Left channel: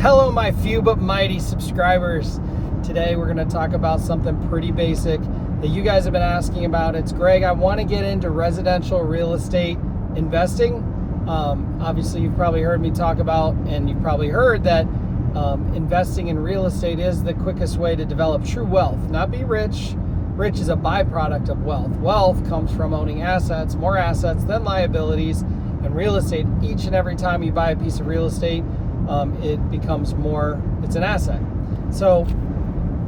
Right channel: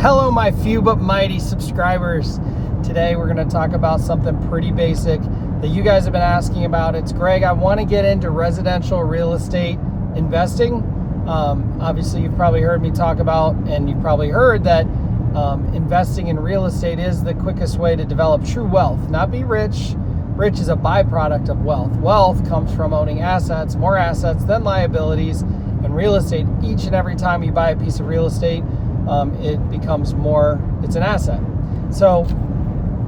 Hello, my few but mighty subscribers. Today we're going to talk about something pretty basic that you guys have been asking about. It's Greg, I want to get into residential real estate investing. Obviously, you've probably heard me talk about, and you've probably heard that investing in real estate is the quickest way to develop true wealth. Not be rich. Rich is a byproduct of wealth. Wealth comes from owning assets, more assets than liabilities. And real estate, each and every time you buy a piece of real estate, it becomes more, it's an asset. So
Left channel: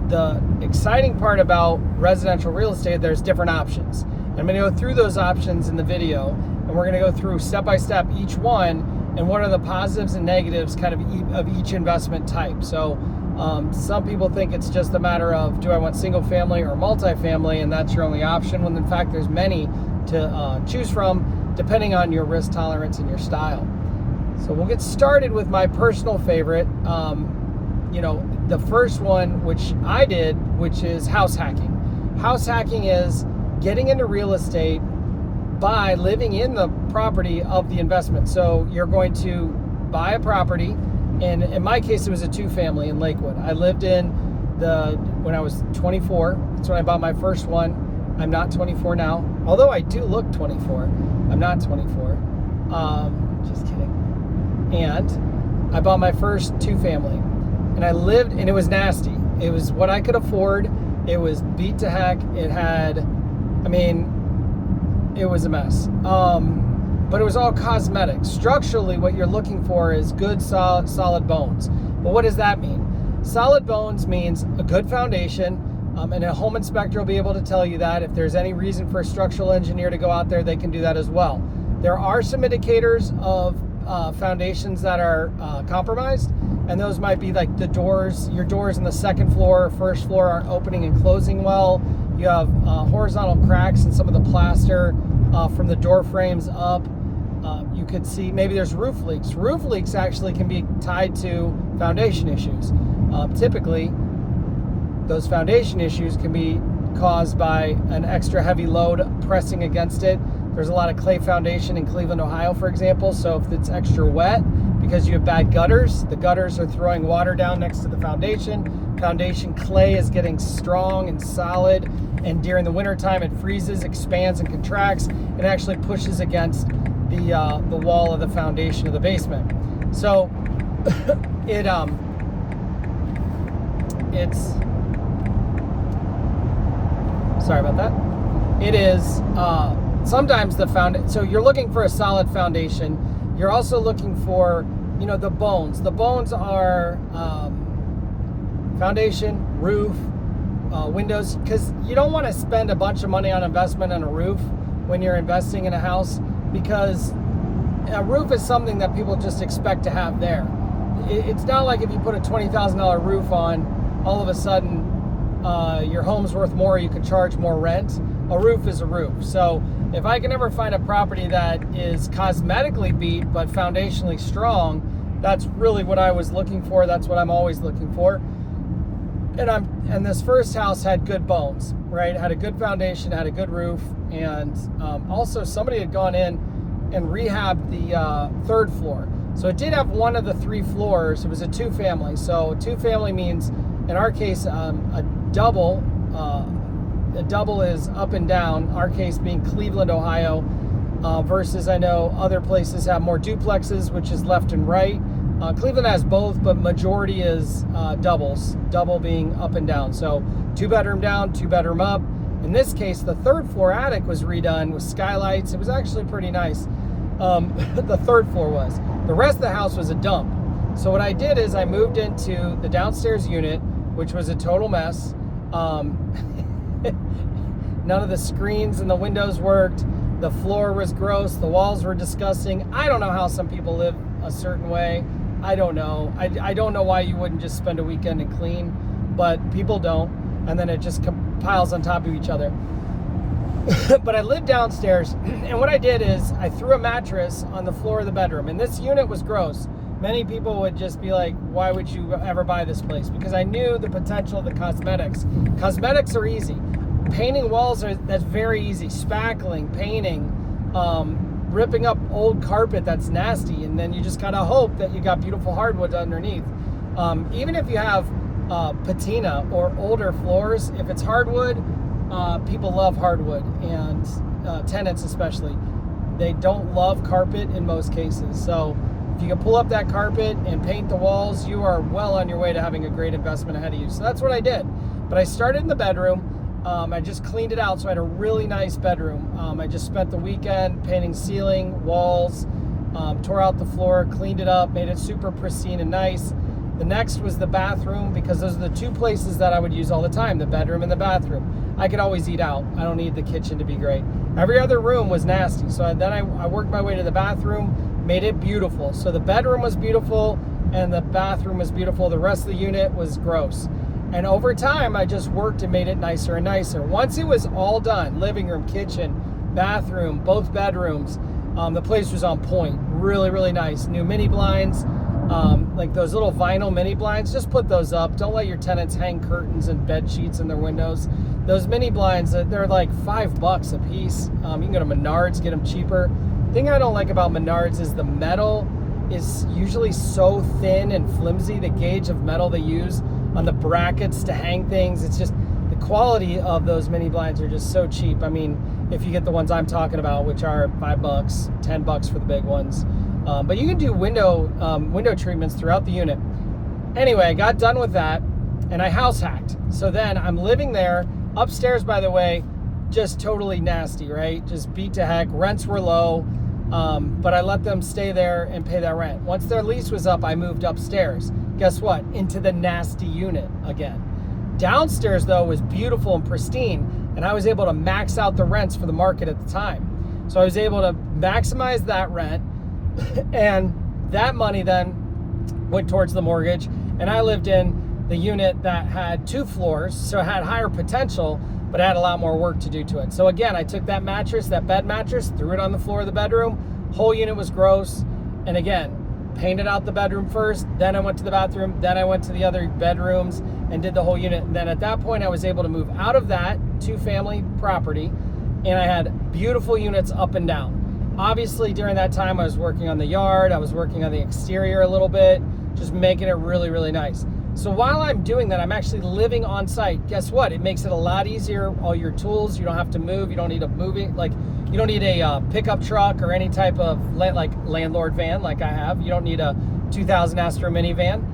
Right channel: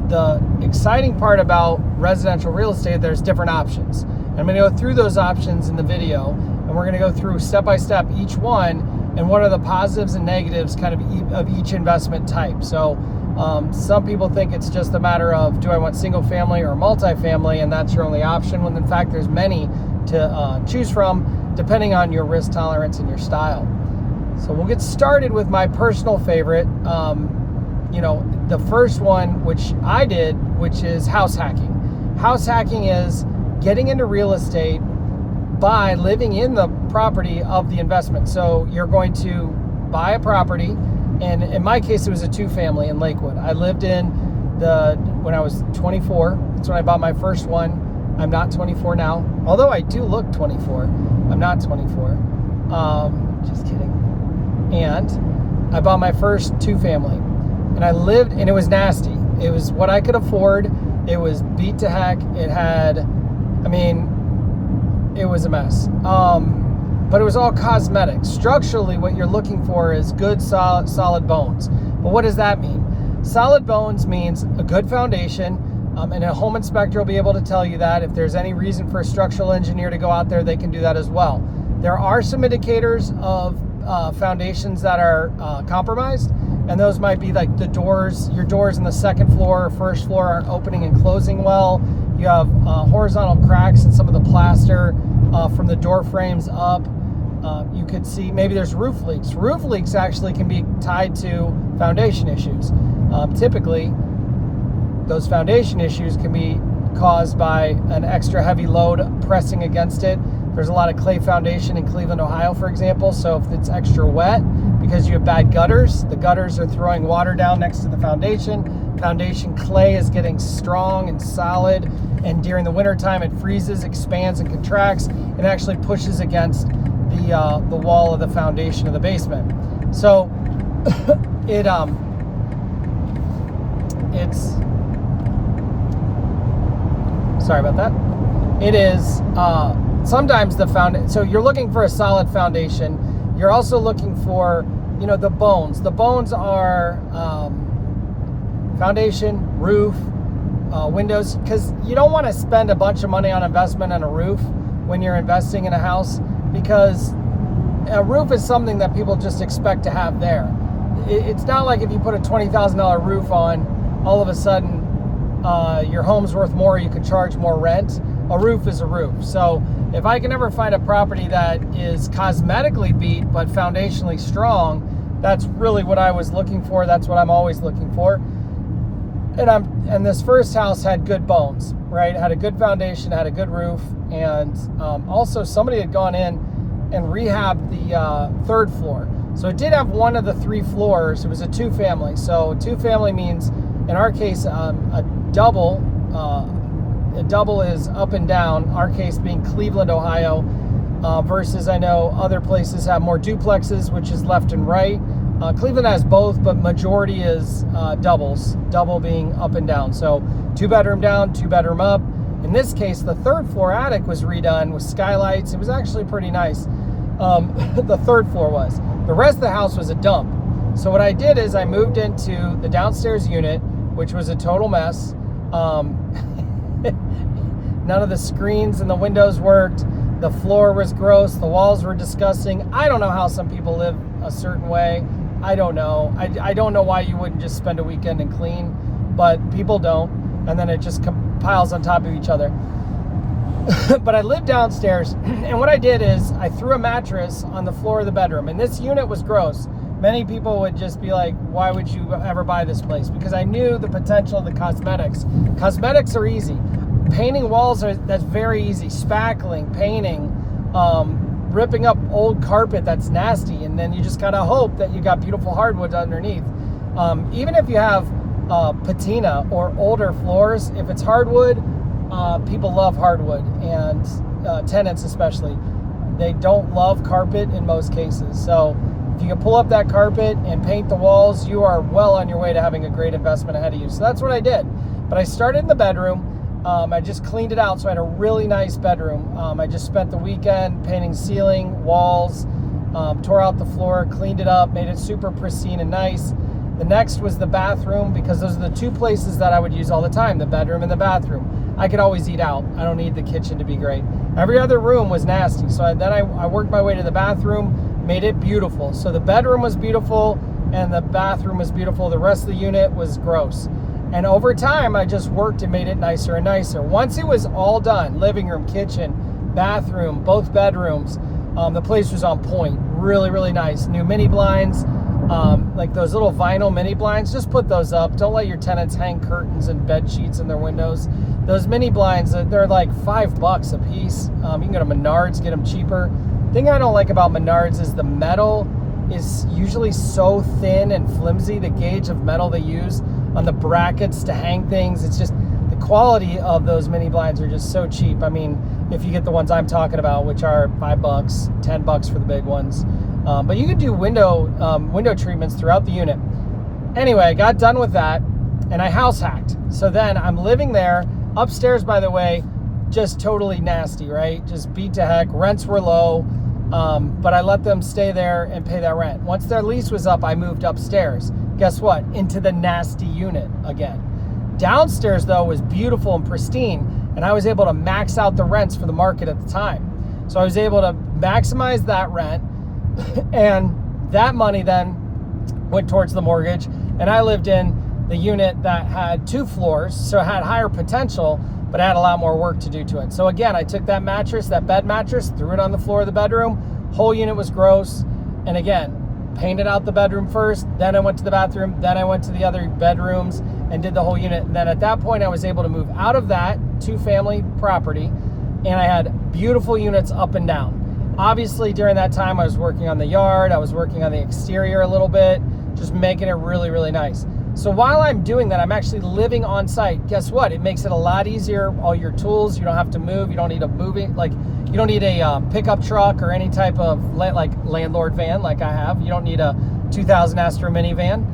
the exciting part about residential real estate, there's different options. I'm going to go through those options in the video, and we're going to go through step by step each one and what are the positives and negatives kind of each investment type. So some people think it's just a matter of, do I want single family or multifamily, and that's your only option, when in fact there's many to choose from depending on your risk tolerance and your style. So we'll get started with my personal favorite. The first one, which I did, which is house hacking. House hacking is getting into real estate by living in the property of the investment. So you're going to buy a property, and in my case, it was a two-family in Lakewood. I lived when I was 24. That's when I bought my first one. I'm not 24 now, although I do look 24. I'm not 24. Just kidding. And I bought my first two-family, and I lived, and it was nasty. It was what I could afford. It was beat to heck. It was a mess. But it was all cosmetic. Structurally, what you're looking for is good, solid bones. But what does that mean? Solid bones means a good foundation, and a home inspector will be able to tell you that. If there's any reason for a structural engineer to go out there, they can do that as well. There are some indicators of foundations that are compromised, and those might be like your doors in the second floor or first floor aren't opening and closing well. You have horizontal cracks in some of the plaster from the door frames up. You could see maybe there's roof leaks. Roof leaks actually can be tied to foundation issues. Typically, those foundation issues can be caused by an extra heavy load pressing against it. There's a lot of clay foundation in Cleveland, Ohio, for example. So if it's extra wet because you have bad gutters, the gutters are throwing water down next to the foundation. Foundation clay is getting strong and solid, and during the winter time it freezes, expands, and contracts, and actually pushes against the wall of the foundation of the basement. So it's sorry about that. It is sometimes so you're looking for a solid foundation. You're also looking for the bones. The bones are foundation, roof, windows, because you don't want to spend a bunch of money on investment on a roof when you're investing in a house, because a roof is something that people just expect to have there. It's not like if you put a $20,000 roof on, all of a sudden your home's worth more, you can charge more rent. A roof is a roof. So if I can ever find a property that is cosmetically beat but foundationally strong, that's really what I was looking for. That's what I'm always looking for. And this first house had good bones, right? It had a good foundation, had a good roof, and also somebody had gone in and rehabbed the third floor. So it did have one of the three floors. It was a two-family. So a two-family means, in our case, a double. A double is up and down. Our case being Cleveland, Ohio, versus I know other places have more duplexes, which is left and right. Cleveland has both, but majority is doubles. Double being up and down. So 2-bedroom down, 2-bedroom up. In this case, the third floor attic was redone with skylights. It was actually pretty nice. The third floor was. The rest of the house was a dump. So what I did is I moved into the downstairs unit, which was a total mess. None of the screens and the windows worked. The floor was gross. The walls were disgusting. I don't know how some people live a certain way. I don't know. I don't know why you wouldn't just spend a weekend and clean, but people don't. And then it just piles on top of each other. But I lived downstairs, and what I did is I threw a mattress on the floor of the bedroom, and this unit was gross. Many people would just be like, why would you ever buy this place? Because I knew the potential of the cosmetics. Cosmetics are easy. Painting walls, that's very easy. Spackling, painting, ripping up old carpet that's nasty, and then you just gotta hope that you got beautiful hardwood underneath. Even if you have patina or older floors, if it's hardwood, people love hardwood, and tenants especially. They don't love carpet in most cases. So if you can pull up that carpet and paint the walls, you are well on your way to having a great investment ahead of you. So that's what I did. But I started in the bedroom. I just cleaned it out, so I had a really nice bedroom. I just spent the weekend painting ceiling, walls, tore out the floor, cleaned it up, made it super pristine and nice. The next was the bathroom, because those are the two places that I would use all the time, the bedroom and the bathroom. I could always eat out. I don't need the kitchen to be great. Every other room was nasty. So then I worked my way to the bathroom, made it beautiful. So the bedroom was beautiful and the bathroom was beautiful. The rest of the unit was gross. And over time, I just worked and made it nicer and nicer. Once it was all done, living room, kitchen, bathroom, both bedrooms, the place was on point. Really, really nice. New mini blinds, like those little vinyl mini blinds, just put those up. Don't let your tenants hang curtains and bed sheets in their windows. Those mini blinds, they're like $5 a piece. You can go to Menards, get them cheaper. The thing I don't like about Menards is the metal is usually so thin and flimsy. The gauge of metal they use on the brackets to hang things, it's just, the quality of those mini blinds are just so cheap. I mean, if you get the ones I'm talking about, which are $5, $10 for the big ones. But you can do window treatments throughout the unit. Anyway, I got done with that and I house hacked. So then I'm living there. Upstairs, by the way, just totally nasty, right? Just beat to heck. Rents were low, but I let them stay there and pay that rent. Once their lease was up, I moved upstairs. Guess what? Into the nasty unit again. Downstairs, though, was beautiful and pristine, and I was able to max out the rents for the market at the time. So I was able to maximize that rent, and that money then went towards the mortgage, and I lived in the unit that had 2 floors, so it had higher potential, but had a lot more work to do to it. So again, I took that mattress, that bed mattress, threw it on the floor of the bedroom. Whole unit was gross, and again, painted out the bedroom first, then I went to the bathroom, then I went to the other bedrooms and did the whole unit. And then at that point, I was able to move out of that 2-family property, and I had beautiful units up and down. Obviously, during that time, I was working on the yard, I was working on the exterior a little bit, just making it really, really nice. So while I'm doing that, I'm actually living on site. Guess what? It makes it a lot easier. All your tools, you don't have to move. You don't need you don't need a pickup truck or any type of like landlord van like I have. You don't need a 2000 Astra minivan.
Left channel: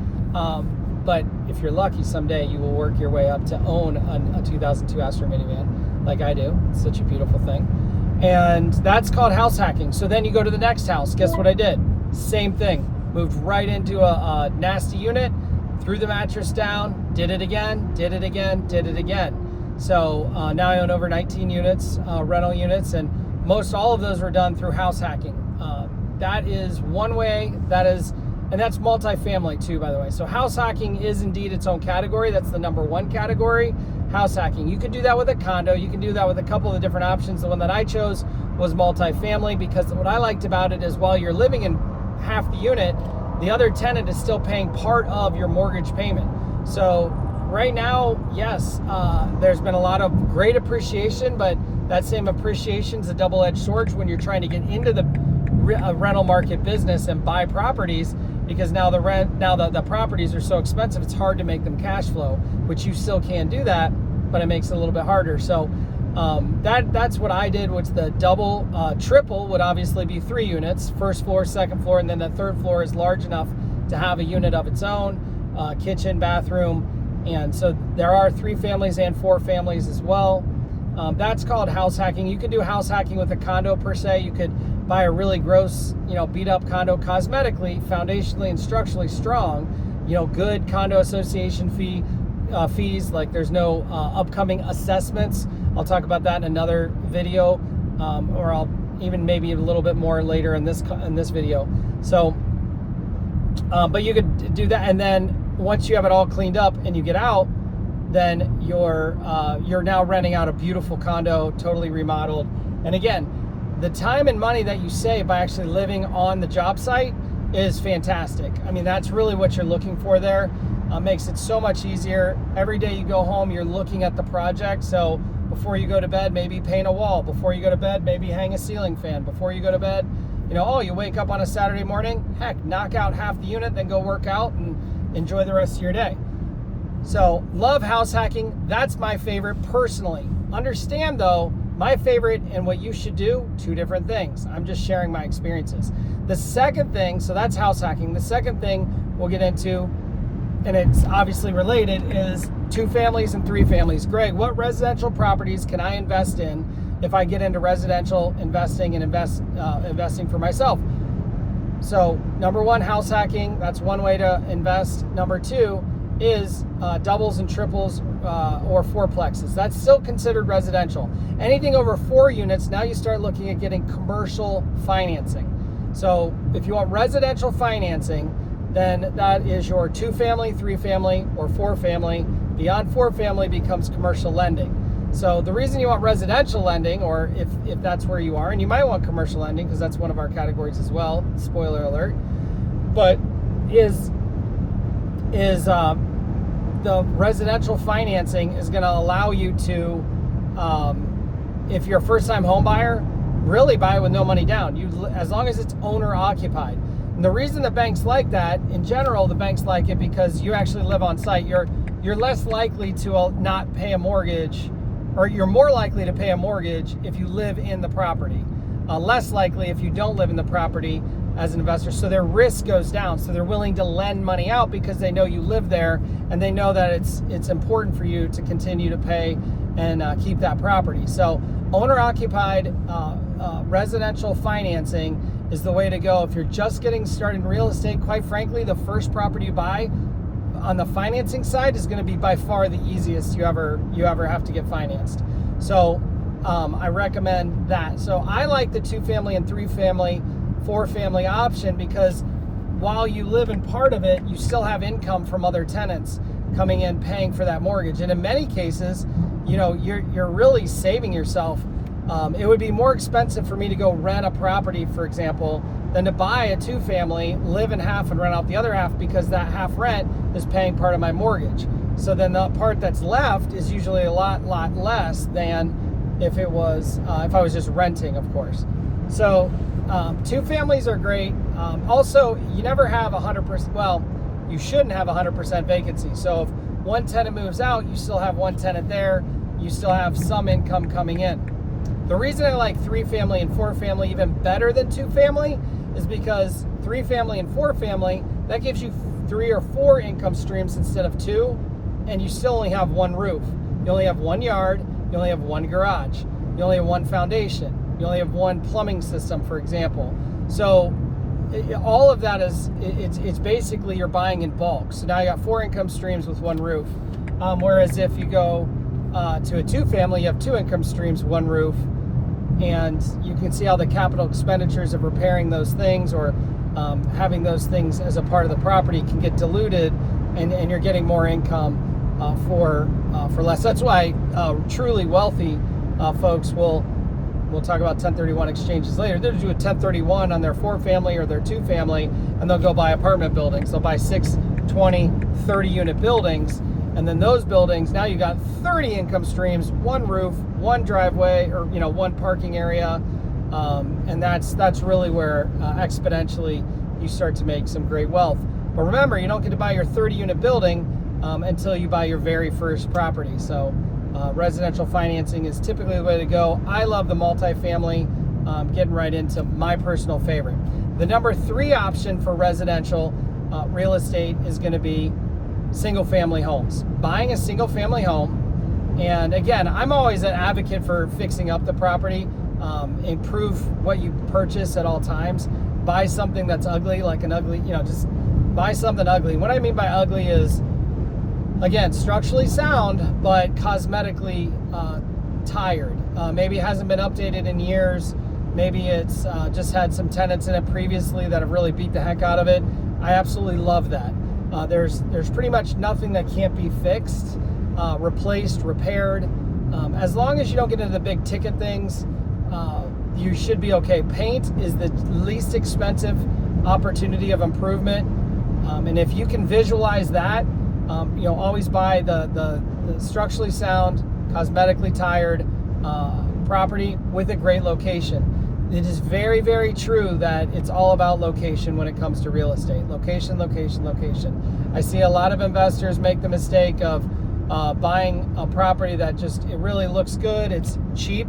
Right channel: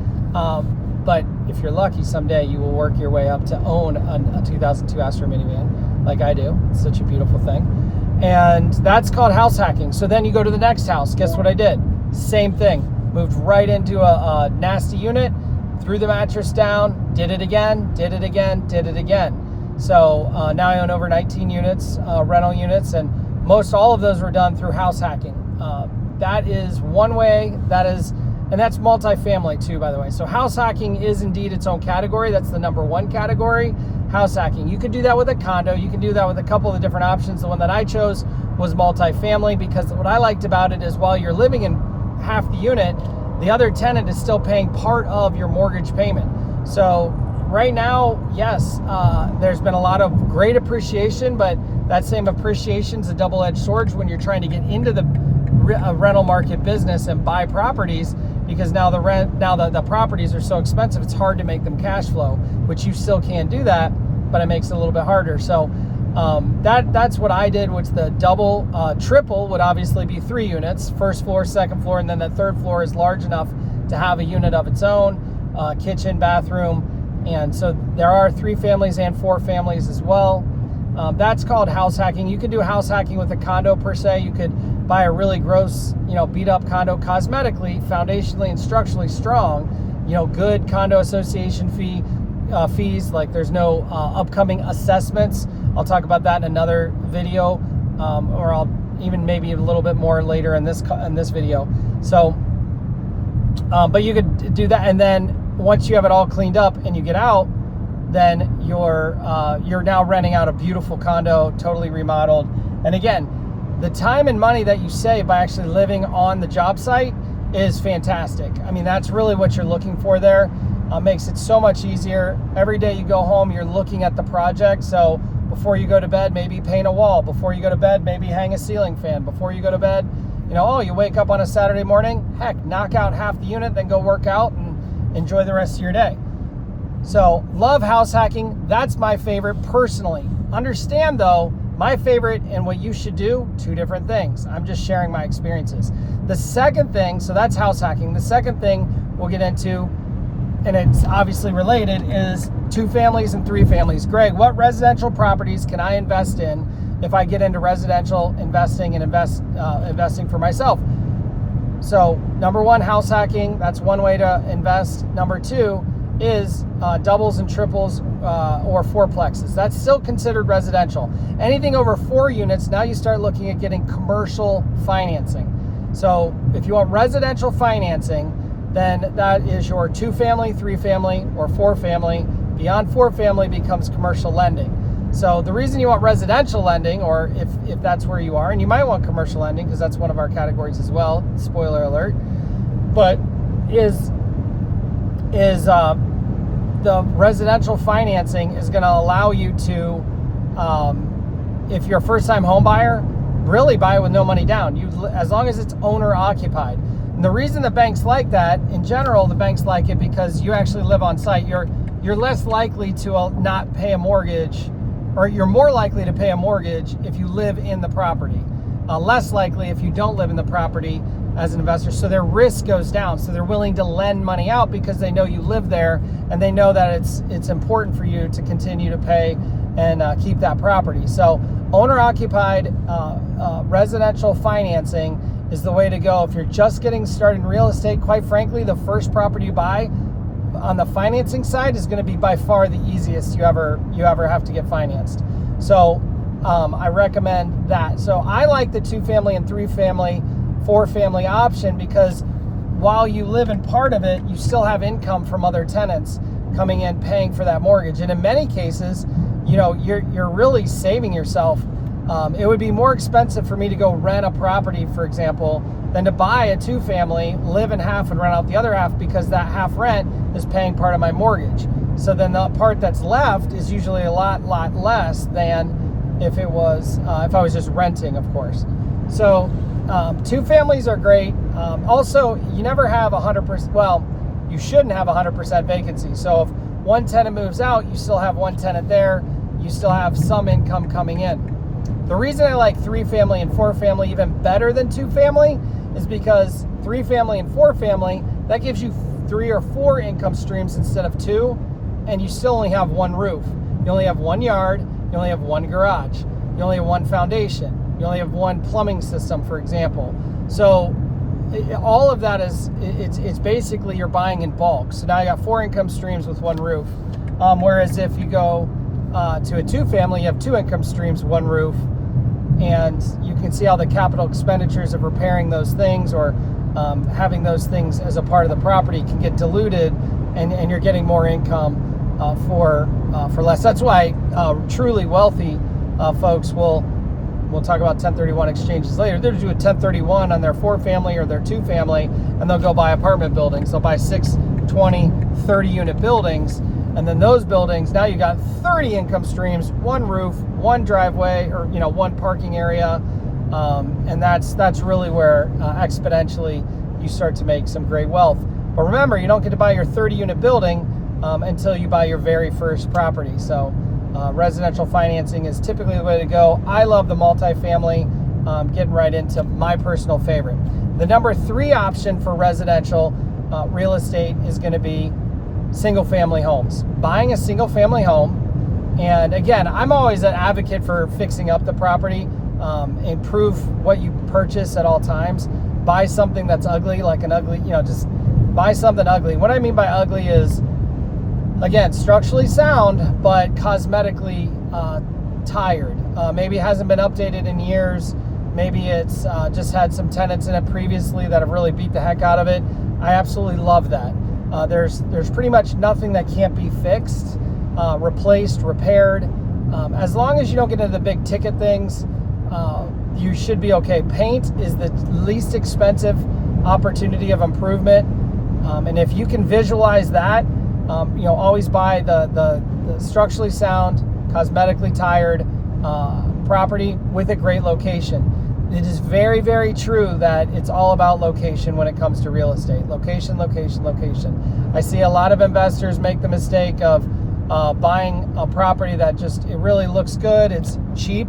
But if you're lucky, someday you will work your way up to own a 2002 Astra minivan like I do. It's such a beautiful thing. And that's called house hacking. So then you go to the next house. Guess what I did? Same thing. Moved right into a nasty unit, threw the mattress down, did it again, did it again, did it again. So now I own over 19 units, rental units, and most all of those were done through house hacking. That is one way, and that's multifamily too, by the way. So house hacking is indeed its own category. That's the number 1 category, house hacking. You could do that with a condo. You can do that with a couple of the different options. The one that I chose was multifamily, because what I liked about it is while you're living in half the unit, the other tenant is still paying part of your mortgage payment. So right now, yes, there's been a lot of great appreciation, but that same appreciation is a double-edged sword when you're trying to get into the rental market business and buy properties, because now the properties are so expensive, it's hard to make them cash flow, which you still can do that, but it makes it a little bit harder. So that's what I did. Which the double, triple would obviously be 3 units, first floor, second floor, and then the third floor is large enough to have a unit of its own, kitchen, bathroom, and so there are 3 families and 4 families as well. That's called house hacking. You could do house hacking with a condo per se. You could buy a really gross, beat up condo, cosmetically, foundationally, and structurally strong, good condo association fees, like there's no upcoming assessments. I'll talk about that in another video, or I'll even maybe a little bit more later in this video. So, but you could do that, and then once you have it all cleaned up and you get out, then you're now renting out a beautiful condo, totally remodeled. And again, the time and money that you save by actually living on the job site is fantastic. I mean, that's really what you're looking for there. Makes it so much easier. Every day you go home, you're looking at the project. So before you go to bed, maybe paint a wall. Before you go to bed, maybe hang a ceiling fan. Before you go to bed, you wake up on a Saturday morning, heck, knock out half the unit, then go work out and enjoy the rest of your day. So love house hacking. That's my favorite personally. Understand though, my favorite and what you should do, two different things. I'm just sharing my experiences. The second thing, so that's house hacking. The second thing we'll get into, and it's obviously related, is 2 families and 3 families. Greg, what residential properties can I invest in if I get into residential investing and investing for myself? So number 1, house hacking. That's one way to invest. Number 2 is doubles and triples or fourplexes. That's still considered residential. Anything over 4 units, now you start looking at getting commercial financing. So if you want residential financing, then that is your 2 family, 3 family, or 4 family. Beyond 4 family becomes commercial lending. So the reason you want residential lending, or if that's where you are, and you might want commercial lending because that's one of our categories as well, spoiler alert, but is the residential financing is going to allow you to, if you're a first-time home buyer, really buy it with no money down. As long as it's owner occupied. And the reason the banks like that, in general, the banks like it because you actually live on site. You're less likely to not pay a mortgage, or you're more likely to pay a mortgage if you live in the property. Less likely if you don't live in the property as an investor. So their risk goes down. So they're willing to lend money out because they know you live there and they know that it's important for you to continue to pay and keep that property. So owner-occupied residential financing is the way to go. If you're just getting started in real estate, quite frankly, the first property you buy on the financing side is going to be by far the easiest you ever have to get financed. So I recommend that. So I like the 2 family and 3 family, 4 family option because while you live in part of it, you still have income from other tenants coming in paying for that mortgage. And in many cases, you're really saving yourself. It would be more expensive for me to go rent a property, for example, than to buy a 2 family, live in half and rent out the other half, because that half rent is paying part of my mortgage. So then the part that's left is usually a lot less than if I was just renting, of course. So 2 families are great. Also, you never have 100%, well, you shouldn't have 100% vacancy. So if one tenant moves out, you still have one tenant there. You still have some income coming in. The reason I like 3 family and 4 family even better than 2 family is because 3 family and 4 family, that gives you 3 or 4 income streams instead of 2, and you still only have 1 roof. You only have 1 yard, you only have 1 garage, you only have 1 foundation, you only have 1 plumbing system, for example. So all of that it's basically you're buying in bulk. So now you got 4 income streams with 1 roof. Whereas if you go to a 2 family, you have 2 income streams, 1 roof, and you can see how the capital expenditures of repairing those things or having those things as a part of the property can get diluted, and you're getting more income for less. That's why truly wealthy folks we'll talk about 1031 exchanges later. They'll do a 1031 on their 4 family or their 2 family, and they'll go buy apartment buildings. They'll buy 6, 20, 30 unit buildings. And then those buildings, now you got 30 income streams, 1 roof, 1 driveway, or 1 parking area, and that's really where exponentially you start to make some great wealth. But remember, you don't get to buy your 30 unit building until you buy your very first property. So residential financing is typically the way to go. I love the multifamily. Getting right into my personal favorite. The number 3 option for residential real estate is going to be single family homes. Buying a single family home, and again, I'm always an advocate for fixing up the property. Improve what you purchase at all times. Buy something that's ugly, like an ugly, just buy something ugly. What I mean by ugly is, again, structurally sound, but cosmetically tired. Maybe it hasn't been updated in years. Maybe it's just had some tenants in it previously that have really beat the heck out of it. I absolutely love that. There's pretty much nothing that can't be fixed, replaced, repaired. As long as you don't get into the big ticket things, you should be okay. Paint is the least expensive opportunity of improvement. And if you can visualize that, always buy the structurally sound, cosmetically tired property with a great location. it is very, very true that it's all about location when it comes to real estate. Location, location, location. I see a lot of investors make the mistake of buying a property that it really looks good, it's cheap,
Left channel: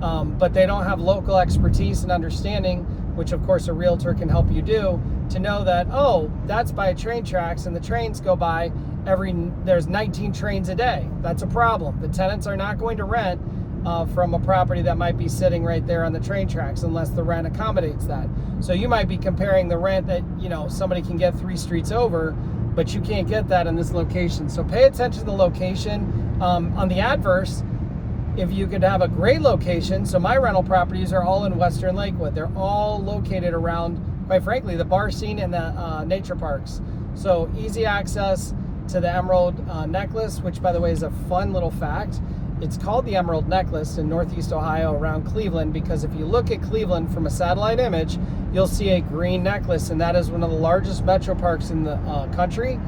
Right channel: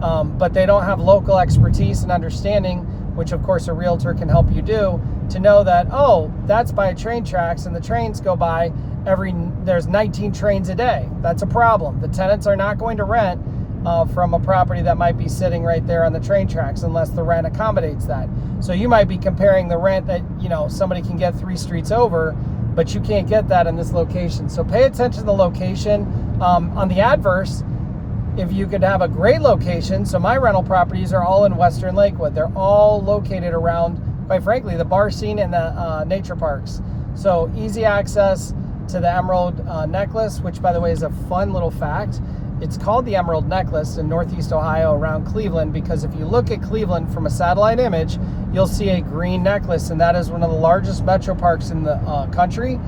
but they don't have local expertise and understanding, which of course a realtor can help you do, to know that, oh, that's by train tracks and the trains go by there's 19 trains a day. That's a problem. The tenants are not going to rent from a property that might be sitting right there on the train tracks unless the rent accommodates that. So you might be comparing the rent that somebody can get 3 streets over, but you can't get that in this location. So pay attention to the location. On the adverse, if you could have a great location, so my rental properties are all in Western Lakewood. They're all located around, quite frankly, the bar scene and the nature parks. So easy access to the Emerald Necklace, which by the way is a fun little fact. It's called the Emerald Necklace in Northeast Ohio around Cleveland because if you look at Cleveland from a satellite image, you'll see a green necklace, and that is one of the largest metro parks in the country.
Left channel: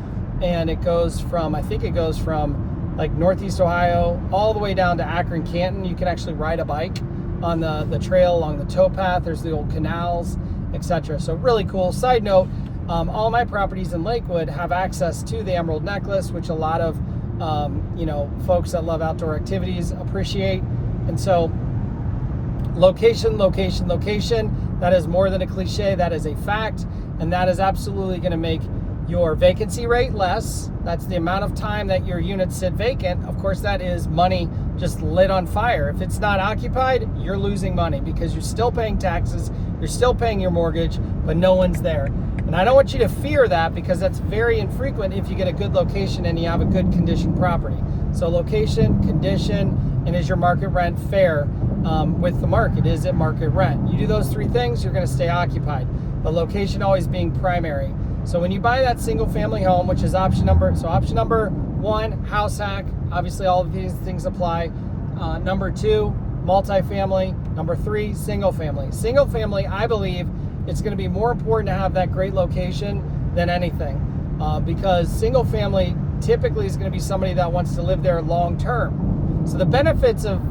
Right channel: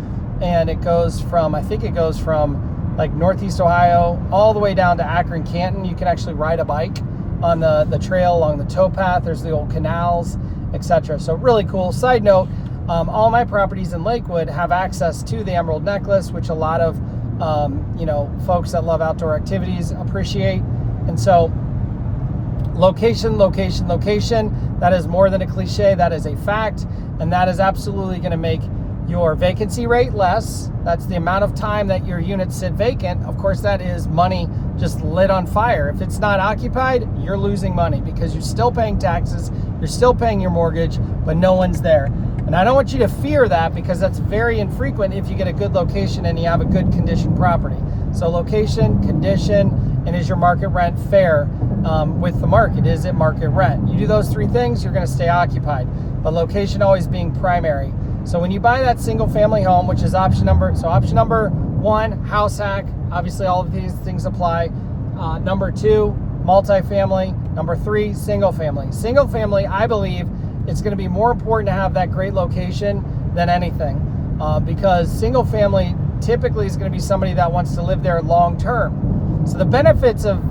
And it goes from, I think it goes from like Northeast Ohio all the way down to Akron, Canton. You can actually ride a bike on the trail along the towpath. There's the old canals, etc. So really cool. Side note, all my properties in Lakewood have access to the Emerald Necklace, which a lot of folks that love outdoor activities appreciate. And so location, location, location, that is more than a cliche. That is a fact, and that is absolutely going to make your vacancy rate less. That's the amount of time that your units sit vacant. Of course, that is money just lit on fire. If it's not occupied, you're losing money because you're still paying taxes, you're still paying your mortgage, but no one's there. And I don't want you to fear that because that's very infrequent if you get a good location and you have a good condition property. So location, condition, and is your market rent fair with the market? Is it market rent? You do those 3 things, you're going to stay occupied. But location always being primary. So when you buy that single family home, which is option number 1, house hack. Obviously all of these things apply. Number 2, multifamily. Number 3, single family. Single family, I believe, it's going to be more important to have that great location than anything because single family typically is going to be somebody that wants to live there long term. So the benefits of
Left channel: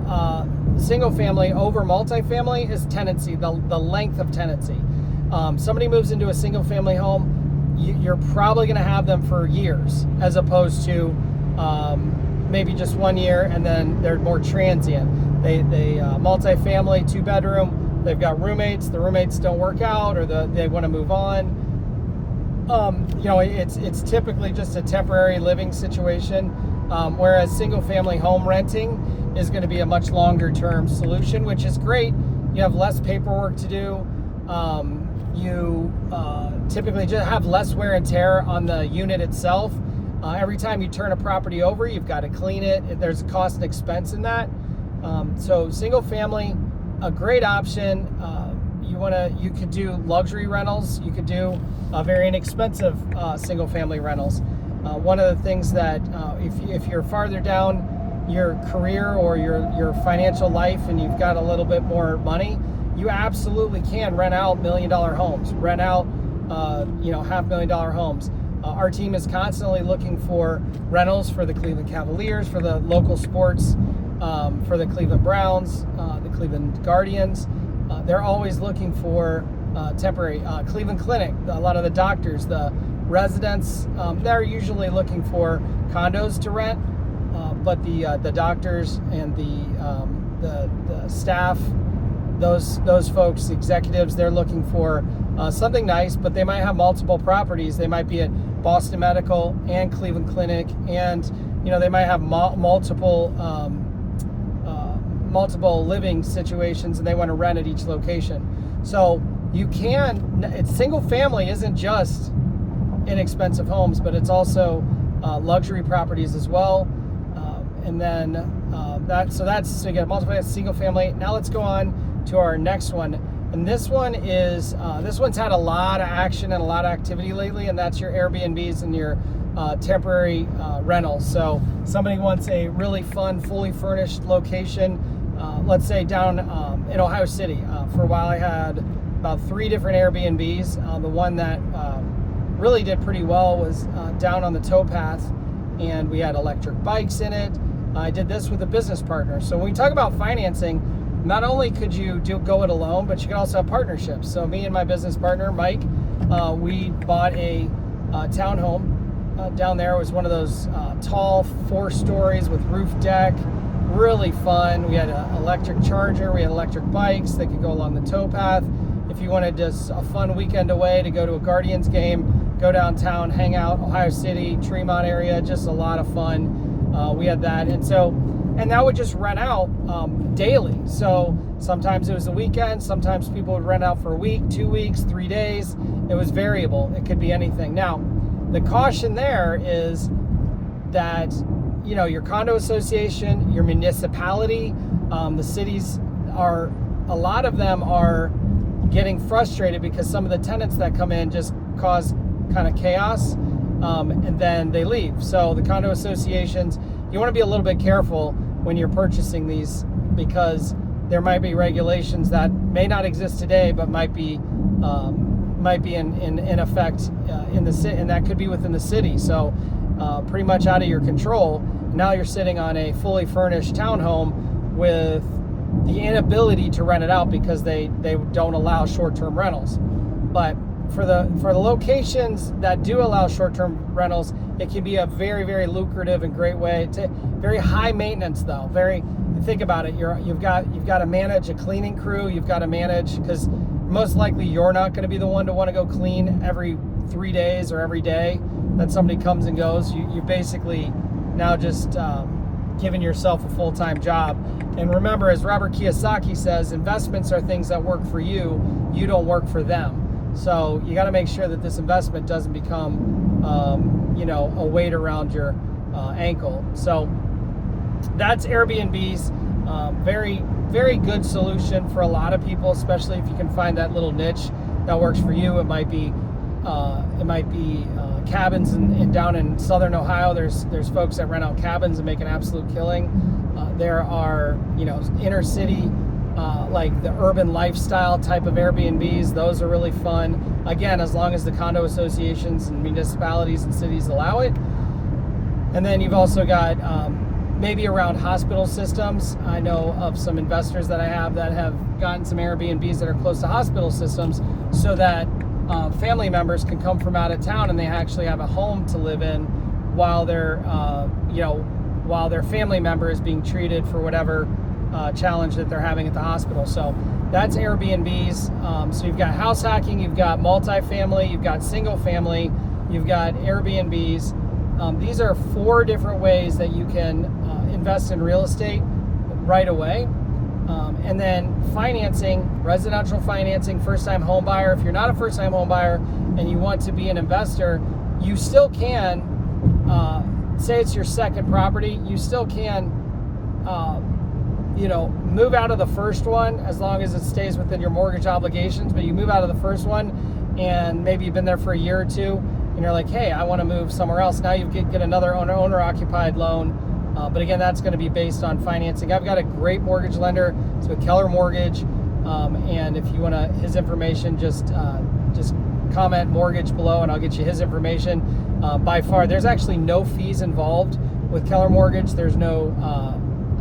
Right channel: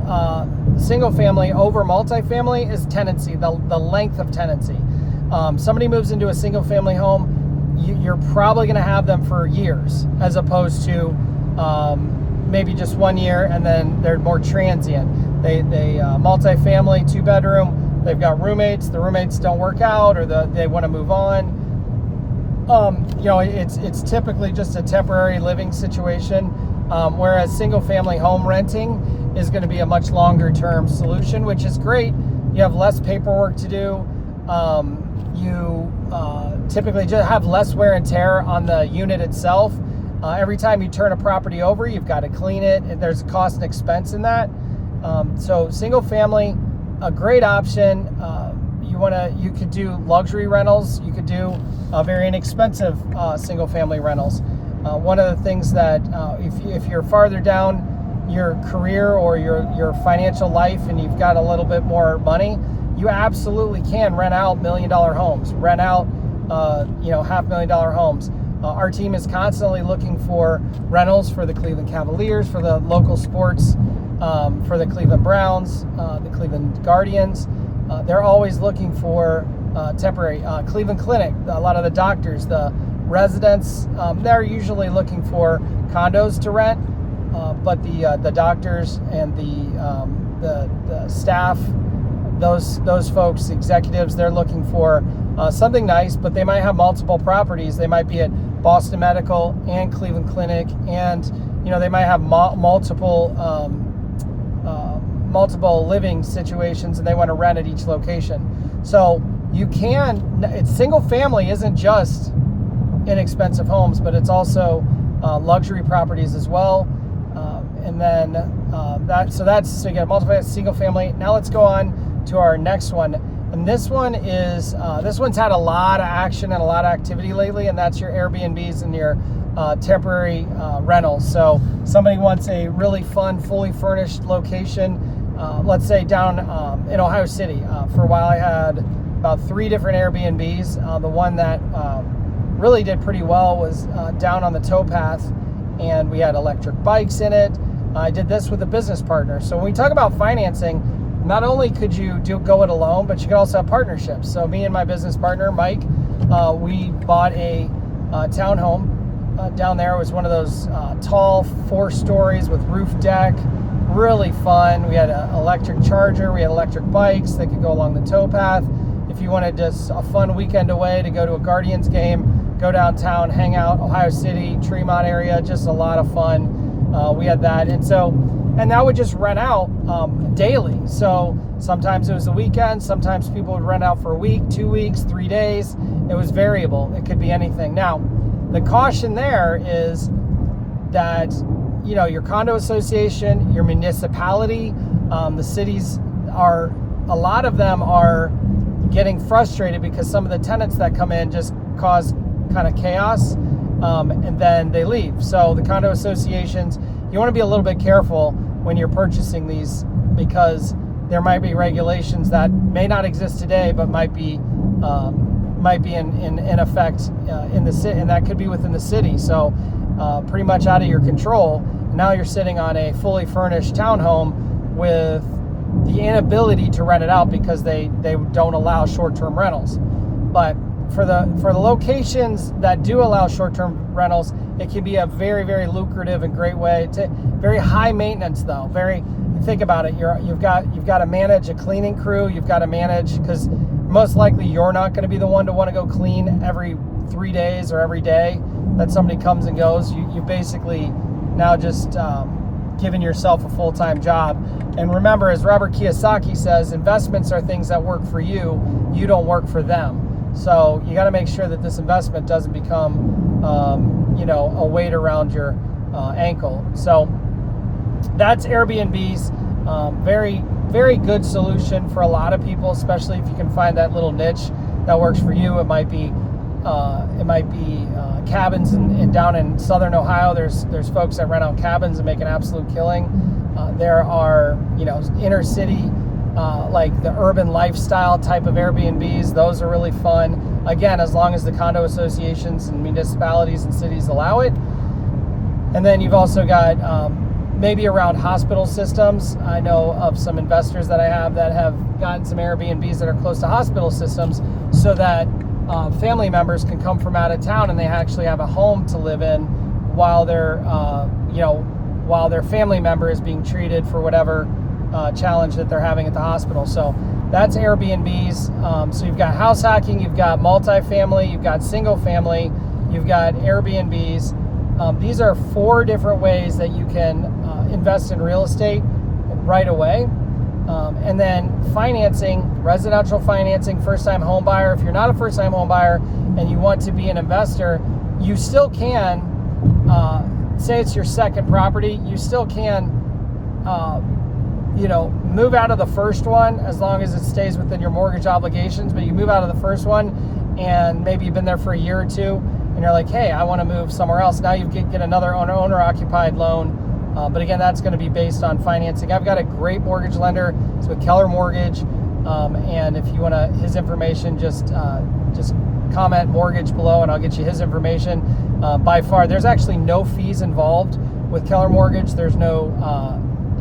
single family over multifamily is tenancy, the length of tenancy. Somebody moves into a single family home, you're probably going to have them for years as opposed to maybe just 1 year and then they're more transient. They multifamily, 2-bedroom, they've got roommates, the roommates don't work out or they want to move on. It's typically just a temporary living situation, whereas single family home renting is going to be a much longer term solution, which is great. You have less paperwork to do. You typically just have less wear and tear on the unit itself. Every time you turn a property over, you've got to clean it. There's a cost and expense in that. So single family, a great option. You could do luxury rentals. You could do very inexpensive single family rentals. One of the things that if you're farther down your career or your financial life and you've got a little bit more money, you absolutely can rent out $1 million homes, rent out $500,000 homes. Our team is constantly looking for rentals for the Cleveland Cavaliers, for the local sports, for the Cleveland Browns, the Cleveland Guardians. They're always looking for temporary. Cleveland Clinic, a lot of the doctors, the residents, they're usually looking for condos to rent, but the doctors and the staff, those folks, executives, they're looking for something nice, but they might have multiple properties. They might be at Boston Medical and Cleveland Clinic, and they might have multiple living situations, and they want to rent at each location. So single family isn't just inexpensive homes, but it's also luxury properties as well. And then so you get multiple single family. Now let's go on to our next one. And this one's had a lot of action and a lot of activity lately, and that's your Airbnbs and your temporary rentals. So somebody wants a really fun, fully furnished location, let's say down in Ohio City. For a while I had about 3 different Airbnbs. The one that really did pretty well was down on the towpath, and we had electric bikes in it. I did this with a business partner. So when we talk about financing, not only could you go it alone, but you could also have partnerships. So me and my business partner, Mike, we bought a townhome down there. It was one of those tall 4 stories with roof deck, really fun. We had an electric charger, we had electric bikes that could go along the towpath. If you wanted just a fun weekend away to go to a Guardians game, go downtown, hang out, Ohio City, Tremont area, just a lot of fun. We had that, and that would just rent out daily. So sometimes it was the weekend, sometimes people would rent out for a week, 2 weeks, 3 days. It was variable. It could be anything. Now, the caution there is that, you know, your condo association, your municipality, the cities are, a lot of them are getting frustrated because some of the tenants that come in just cause kind of chaos, and then they leave. So the condo associations, you want to be a little bit careful when you're purchasing these, because there might be regulations that may not exist today, but might be in effect in the city, and that could be within the city. So pretty much out of your control. Now you're sitting on a fully furnished townhome with the inability to rent it out because they don't allow short-term rentals. But for the locations that do allow short-term rentals, it can be a very, very lucrative and great way. It's very high maintenance though. Think about it. You've got to manage a cleaning crew. You've got to manage, because most likely you're not going to be the one to want to go clean every 3 days or every day that somebody comes and goes. You basically now just giving yourself a full-time job. And remember, as Robert Kiyosaki says, investments are things that work for you. You don't work for them. So you got to make sure that this investment doesn't become, a weight around your ankle. So that's Airbnbs. Very, very good solution for a lot of people, especially if you can find that little niche that works for you. It might be cabins down in Southern Ohio. There's folks that rent out cabins and make an absolute killing. There are, inner city, like the urban lifestyle type of Airbnbs. Those are really fun. Again, as long as the condo associations and municipalities and cities allow it. And then you've also got maybe around hospital systems. I know of some investors that I have that have gotten some Airbnbs that are close to hospital systems, so that family members can come from out of town and they actually have a home to live in while their family member is being treated for whatever challenge that they're having at the hospital. So that's Airbnbs. So you've got house hacking, you've got multifamily, you've got single family, you've got Airbnbs. These are 4 different ways that you can invest in real estate right away. And then financing, residential financing, first-time home buyer. If you're not a first-time home buyer and you want to be an investor, you still can, say it's your second property, you still can, move out of the first one as long as it stays within your mortgage obligations. But you move out of the first one and maybe you've been there for a year or 2 and you're like, hey, I want to move somewhere else. Now you get another owner-occupied loan. But again, that's going to be based on financing. I've got a great mortgage lender. It's with Keller Mortgage. And if you want his information, just comment mortgage below and I'll get you his information. By far, there's actually no fees involved with Keller Mortgage. There's no,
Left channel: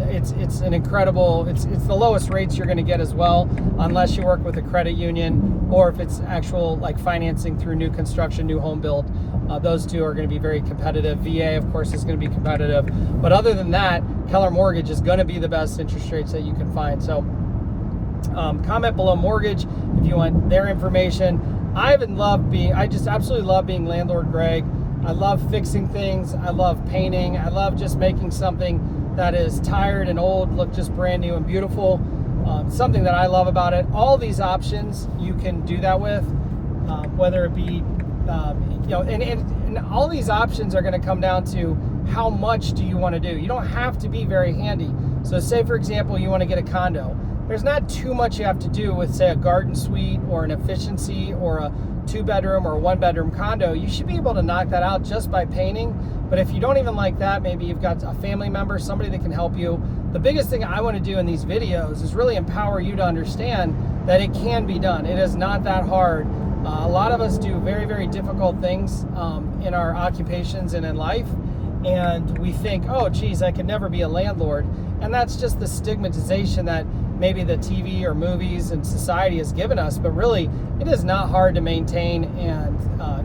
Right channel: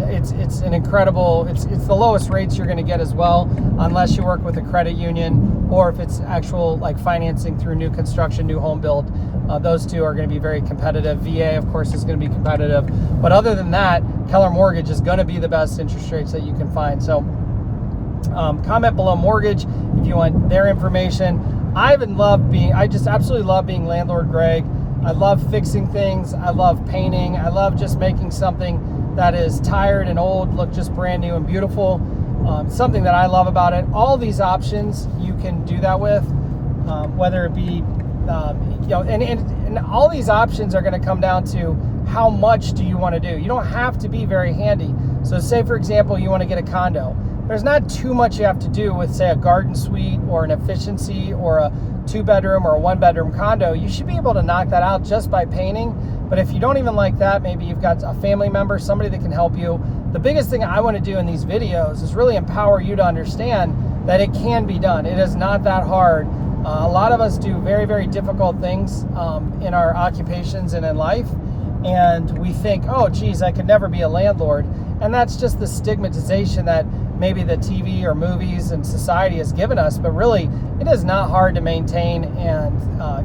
it's an incredible, it's the lowest rates you're going to get as well, unless you work with a credit union or if it's actual like financing through new construction, new home build. Those two are going to be very competitive. VA, of course, is going to be competitive. But other than that, Keller Mortgage is going to be the best interest rates that you can find. So comment below mortgage if you want their information. I just absolutely love being Landlord Greg. I love fixing things. I love painting. I love just making something that is tired and old look just brand new and beautiful. Something that I love about it. All these options you can do that with, whether it be and all these options are going to come down to how much do you want to do. You don't have to be very handy. So say, for example, you want to get a condo. There's not too much you have to do with, say, a garden suite or an efficiency or a 2-bedroom or a 1-bedroom condo. You should be able to knock that out just by painting. But if you don't even like that, maybe you've got a family member, somebody that can help you. The biggest thing I want to do in these videos is really empower you to understand that it can be done. It is not that hard. A lot of us do very, very difficult things in our occupations and in life. And we think, oh, geez, I could never be a landlord. And that's just the stigmatization that maybe the TV or movies and society has given us, but really it is not hard to maintain and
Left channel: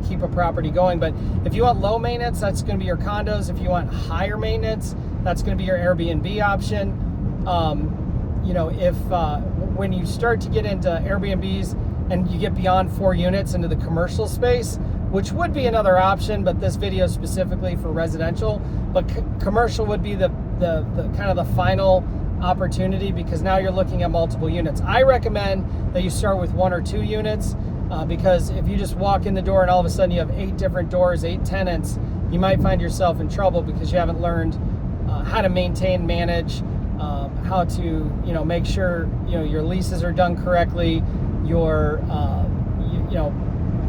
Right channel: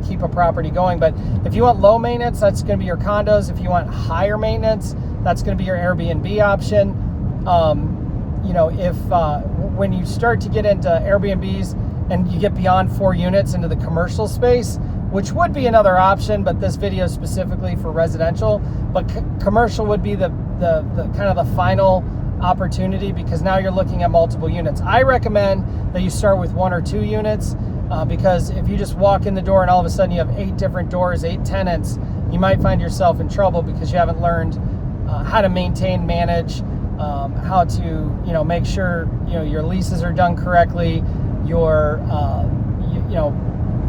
keep a property going. But if you want low maintenance, that's going to be your condos. If you want higher maintenance, that's going to be your Airbnb option. You know, if when you start to get into Airbnbs and you get beyond 4 units into the commercial space, which would be another option, but this video is specifically for residential, but commercial would be the kind of the final opportunity, because now you're looking at multiple units. I recommend that you start with 1 or 2 units, because if you just walk in the door and all of a sudden you have 8 different doors, 8 tenants, you might find yourself in trouble because you haven't learned how to maintain, manage, how to, you know, make sure, you know, your leases are done correctly, your you know,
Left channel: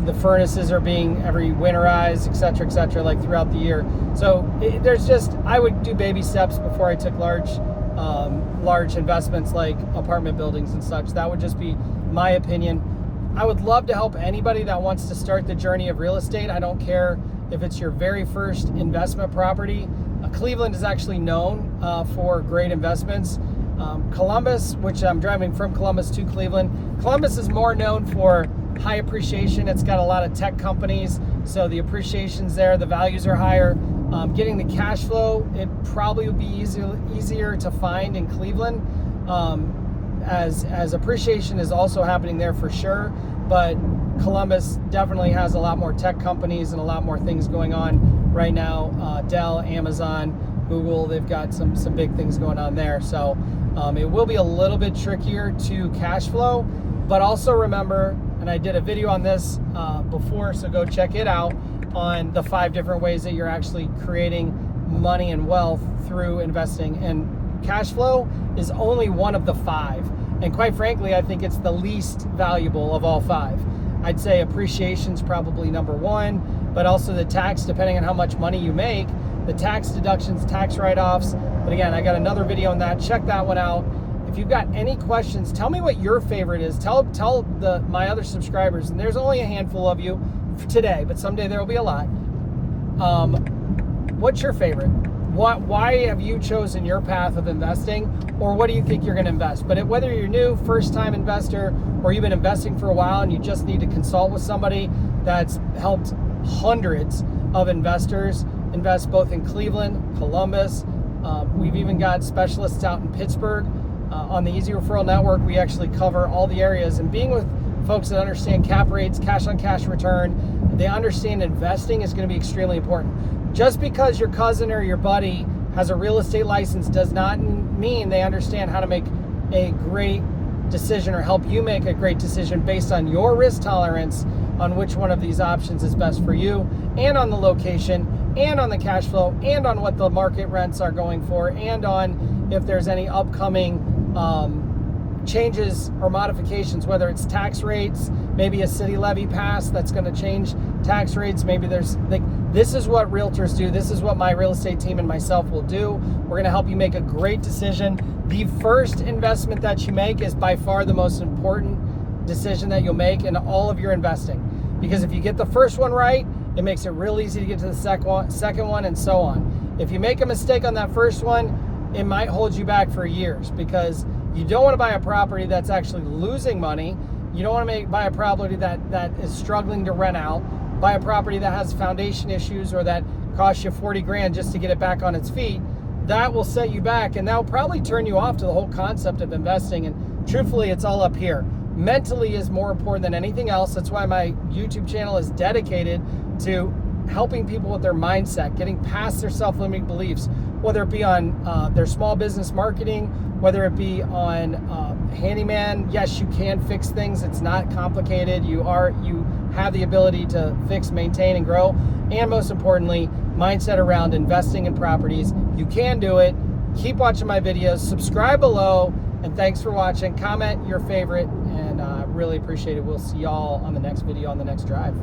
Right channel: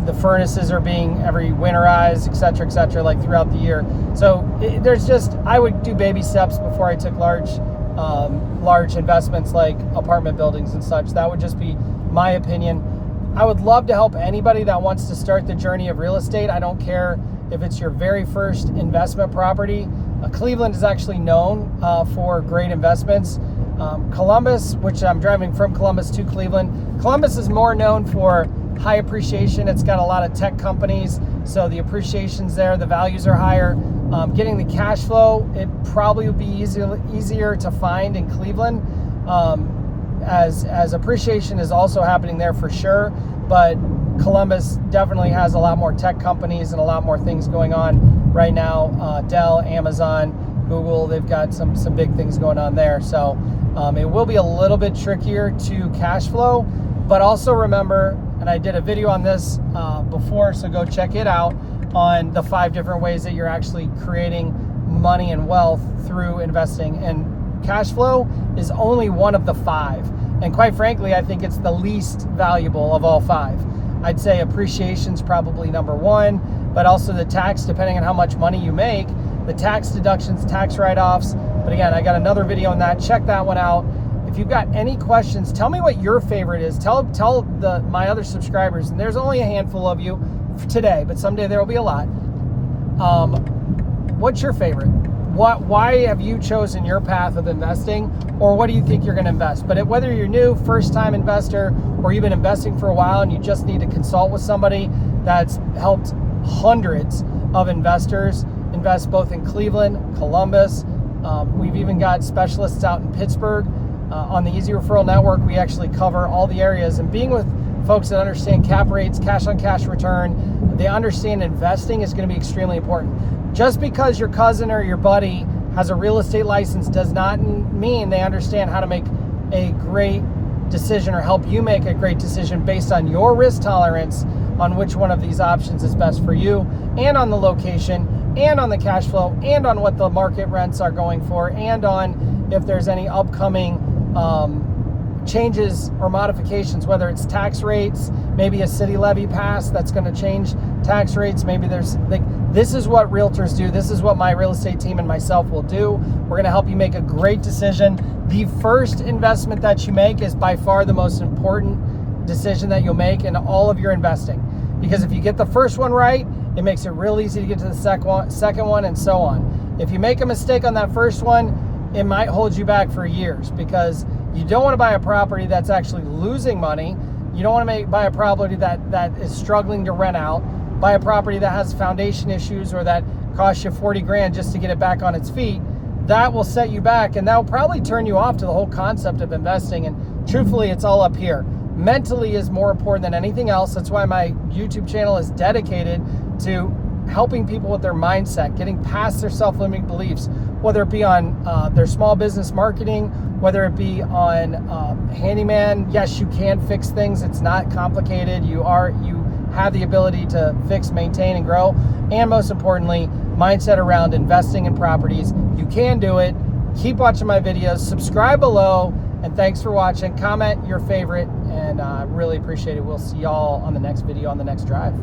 the furnaces are being every winterized, et cetera, like throughout the year. So there's just, I would do baby steps before I took large investments like apartment buildings and such. That would just be my opinion. I would love to help anybody that wants to start the journey of real estate. I don't care if it's your very first investment property. Cleveland is actually known for great investments. Columbus, which I'm driving from Columbus to Cleveland, Columbus is more known for high appreciation. It's got a lot of tech companies, so the appreciation's there, the values are higher. Getting the cash flow, it probably would be easier to find in Cleveland, as appreciation is also happening there for sure, but Columbus definitely has a lot more tech companies and a lot more things going on right now. Dell, Amazon, Google, they've got some big things going on there. So it will be a little bit trickier to cash flow, but also remember, and I did a video on this before, so go check it out, on the 5 different ways that you're actually creating money and wealth through investing. And cash flow is only one of the 5. And quite frankly, I think it's the least valuable of all 5. I'd say appreciation's probably number 1, but also the tax, depending on how much money you make, the tax deductions, tax write-offs. But again, I got another video on that. Check that one out. If you've got any questions, tell me what your favorite is. Tell my other subscribers, and there's only a handful of you today, but someday there will be a lot. What's your favorite? Why have you chosen your path of investing, or what do you think you're going to invest? But whether you're new, first-time investor, or you've been investing for a while and you just need to consult with somebody that's helped hundreds of investors invest both in Cleveland, Columbus. We've even got specialists out in Pittsburgh. On the Easy Referral Network, we actually cover all the areas, and being with folks that understand cap rates, cash on cash return, they understand investing is going to be extremely important. Just because your cousin or your buddy has a real estate license does not mean they understand how to make a great decision or help you make a great decision based on your risk tolerance on which one of these options is best for you, and on the location, and on the cash flow, and on what the market rents are going for, and on if there's any upcoming changes or modifications, whether it's tax rates, maybe a city levy passed that's going to change tax rates. Maybe there's this is what realtors do. This is what my real estate team and myself will do. We're going to help you make a great decision. The first investment that you make is by far the most important decision that you'll make in all of your investing, because if you get the first one right, it makes it real easy to get to the second one, and so on. If you make a mistake on that first one, it might hold you back for years, because you don't want to buy a property that's actually losing money. You don't want to buy a property that is struggling to rent out, buy a property that has foundation issues or that costs you 40 grand just to get it back on its feet. That will set you back, and that will probably turn you off to the whole concept of investing. And truthfully, it's all up here. Mentally is more important than anything else. That's why my YouTube channel is dedicated to helping people with their mindset, getting past their self-limiting beliefs, whether it be on their small business marketing, whether it be on handyman. Yes, you can fix things. It's not complicated. You have the ability to fix, maintain, and grow. And most importantly, mindset around investing in properties. You can do it. Keep watching my videos. Subscribe below. And thanks for watching. Comment your favorite, and really appreciate it. We'll see y'all on the next video on the next drive.